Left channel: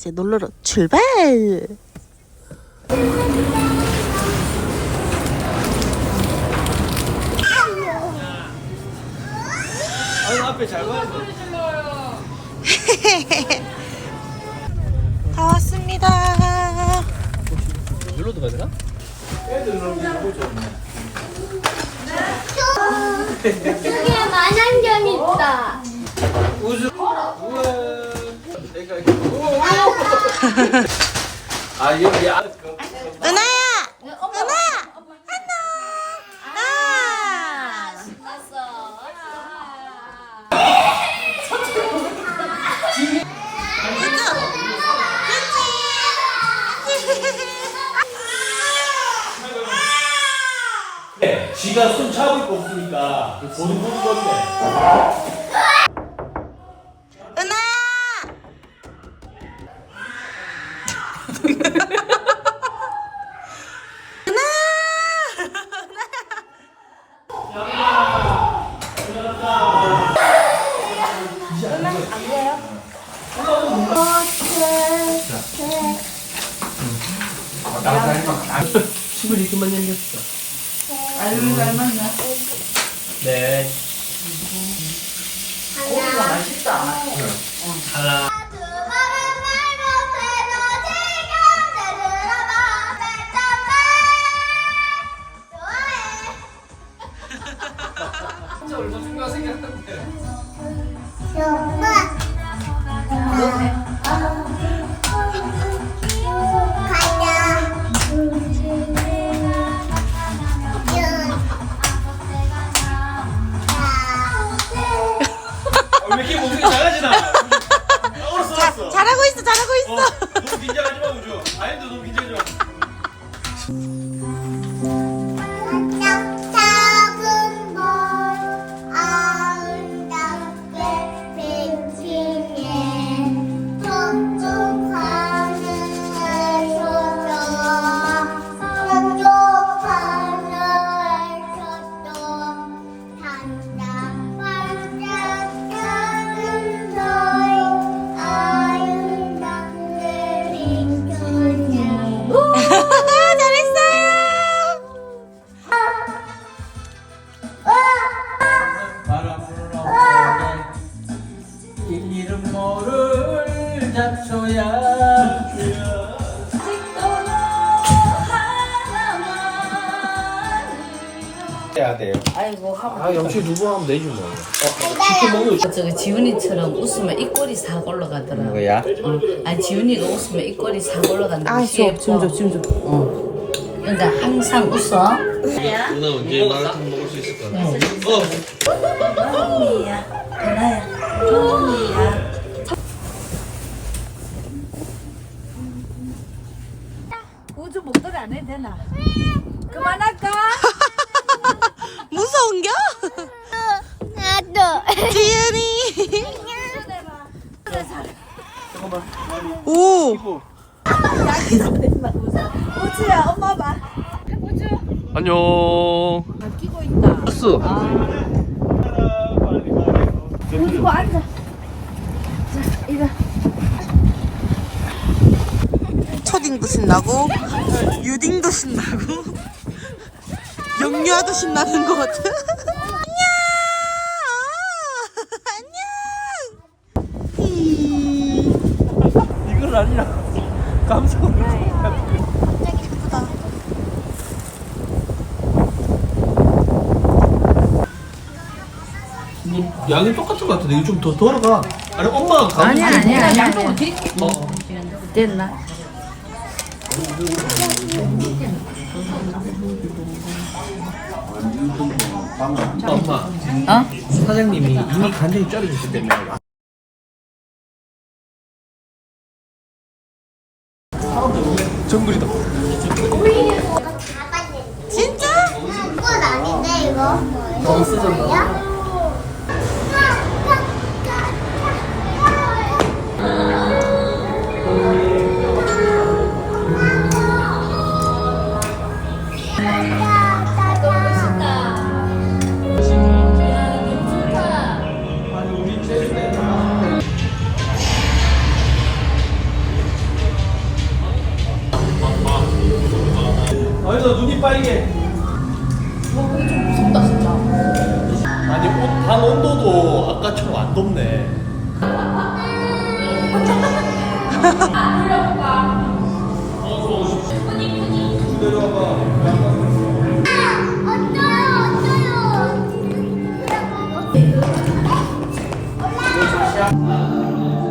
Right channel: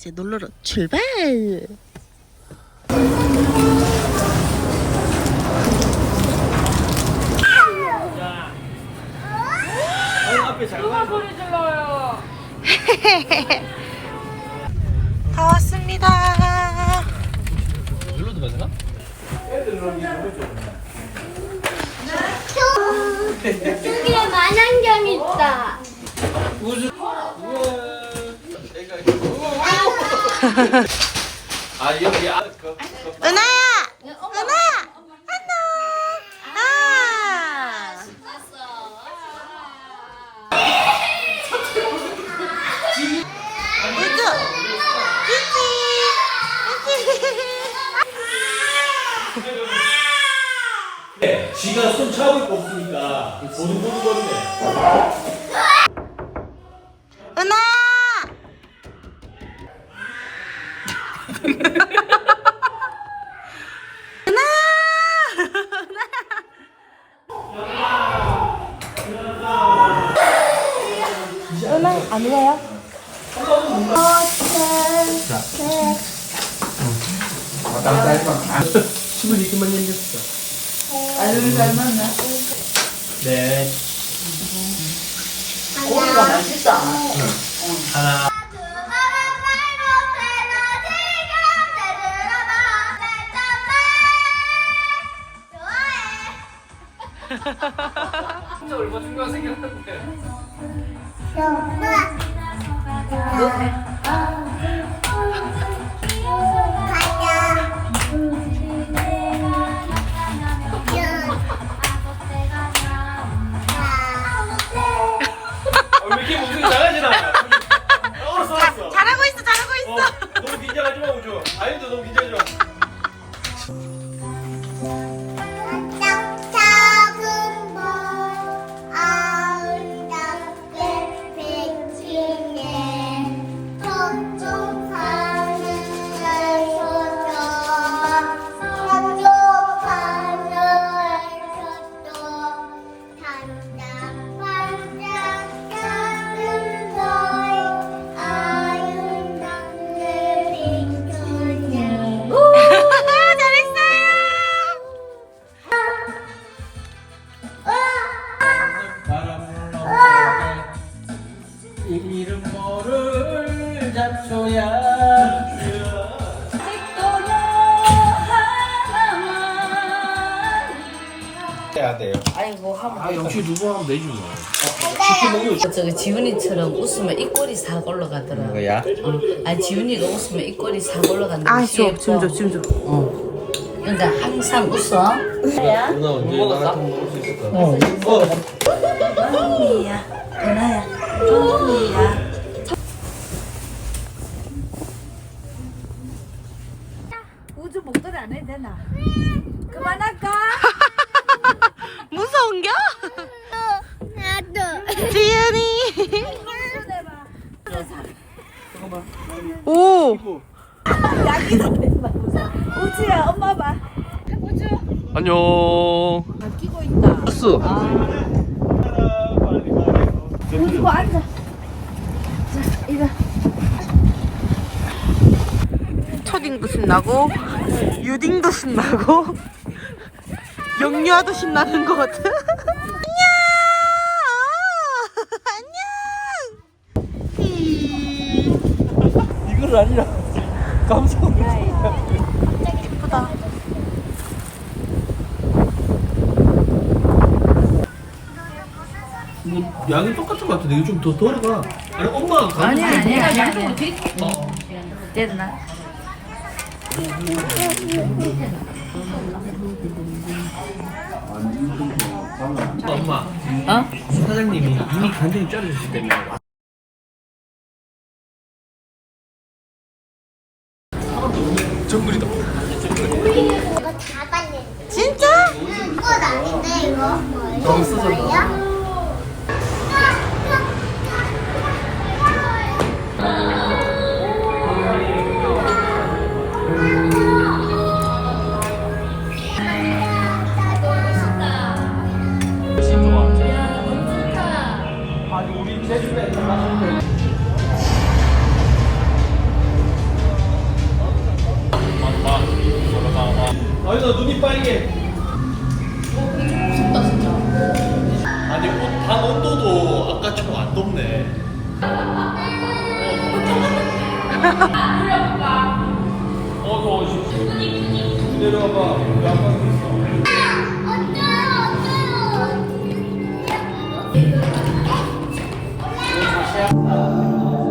이제 놀러로 출발! 아니 앞에 잘 돼. 다 왔습니다. 여기로 들어가야 되나? 여기에 만안경 있다. 우주. 우와. 아 여기 아 그. 은하야! 은하! 안녕! 아! 우주! 유치! 유치! 지가 손 잡을 거 없으니까 보는 보는 건데. 은하야! 친구 이렇게 만년 됐어. 아유 잘 만나. 네. 하나. 진짜 얼마 친구가 생겼는데. 어, 왜 이렇게. 잘하고 있어, 잘하고 있어. 어, 너무 긴장하지 마 우주. 아임도 너무 긴장하지 마. 아이고 아 영치 누구 하면 되지 뭐. 치킨 먹는 거 저기 지훈이처럼 웃으면 입꼬리 싹 올라가더라. 뭐야? 어. 아니 지훈이가 웃으면 입꼬리 싹 올라간다. 아, 줘, 지금 줘, 지금 줘. 어. 그러니까 항상 웃어. 누나 언제 마라톤 먹을 수 있을까? 어. 어. 언니야, 은하야, 언니야. 우주 목도리 안 해도 되나? 그만할까? 무서운겨? 나도. 지은이. 오. 우주야 엄마 봐. 우주 안녕. 안 끼고 있다. 버스. 우주 앉아. 자 이거 초딩도 신나고 유딩도 신나고 영유아도 신나는 것 같아. 안녕. 안녕. 이거를 아니라 감성. 예쁘다. 뭐 양이 똑같은 것 같은데 이거 좀 더 돌아가. 아니 엄마가 감성. 아니 아니 아니. 어. 됐나? 엄마. 어? 사장님이 이미 간장이 자르셨기 때문에. 진짜? 꽃 아닌데 이거? 너무 쓰잖아. 덥네.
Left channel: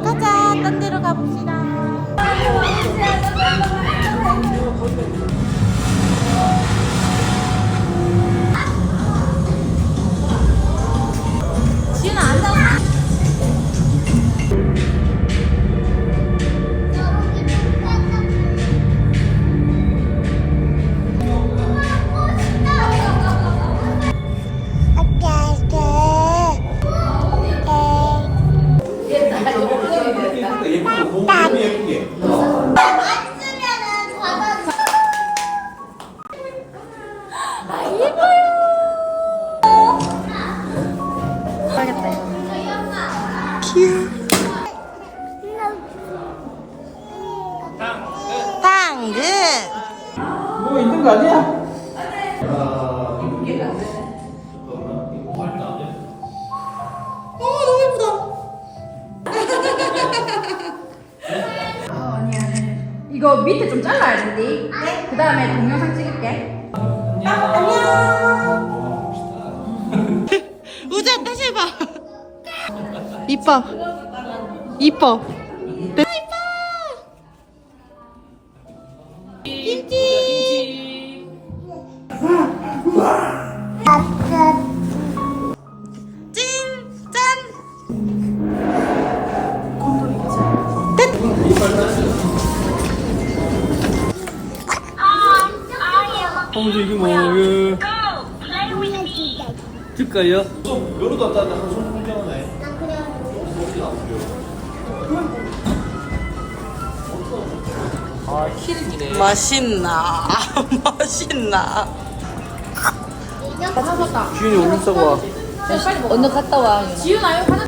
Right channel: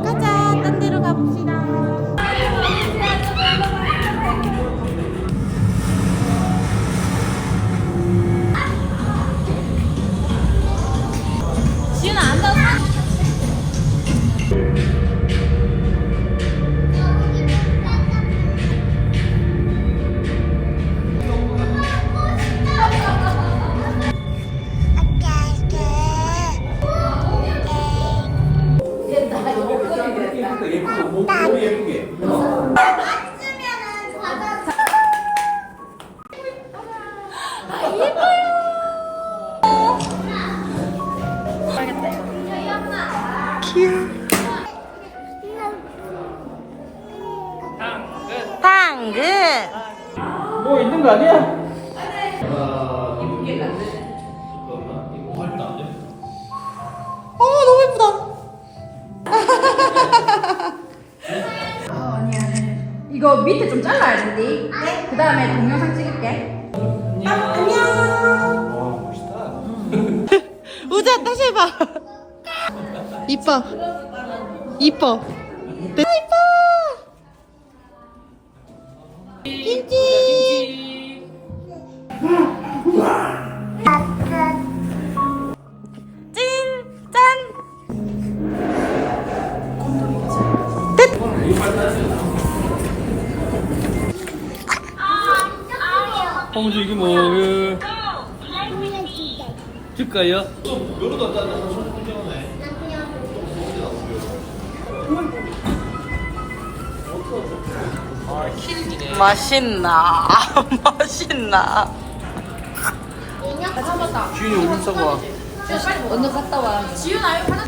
가자, 딴 데로 가봅시다. 거 아니야? 어, 너무 예쁘다. 이거 밑에 좀 잘라야 된디. 그 다음에 동영상 찍을게. 우주야, 다시 해봐. 이뻐. 이뻐. 네. 이뻐. 김치. 이게 뭐예요? 줄까요? 손 공개하네. 맛있나? 맛있나? 기운이 얼른 싸고 와. 언니 갔다 와. 지윤아, 이거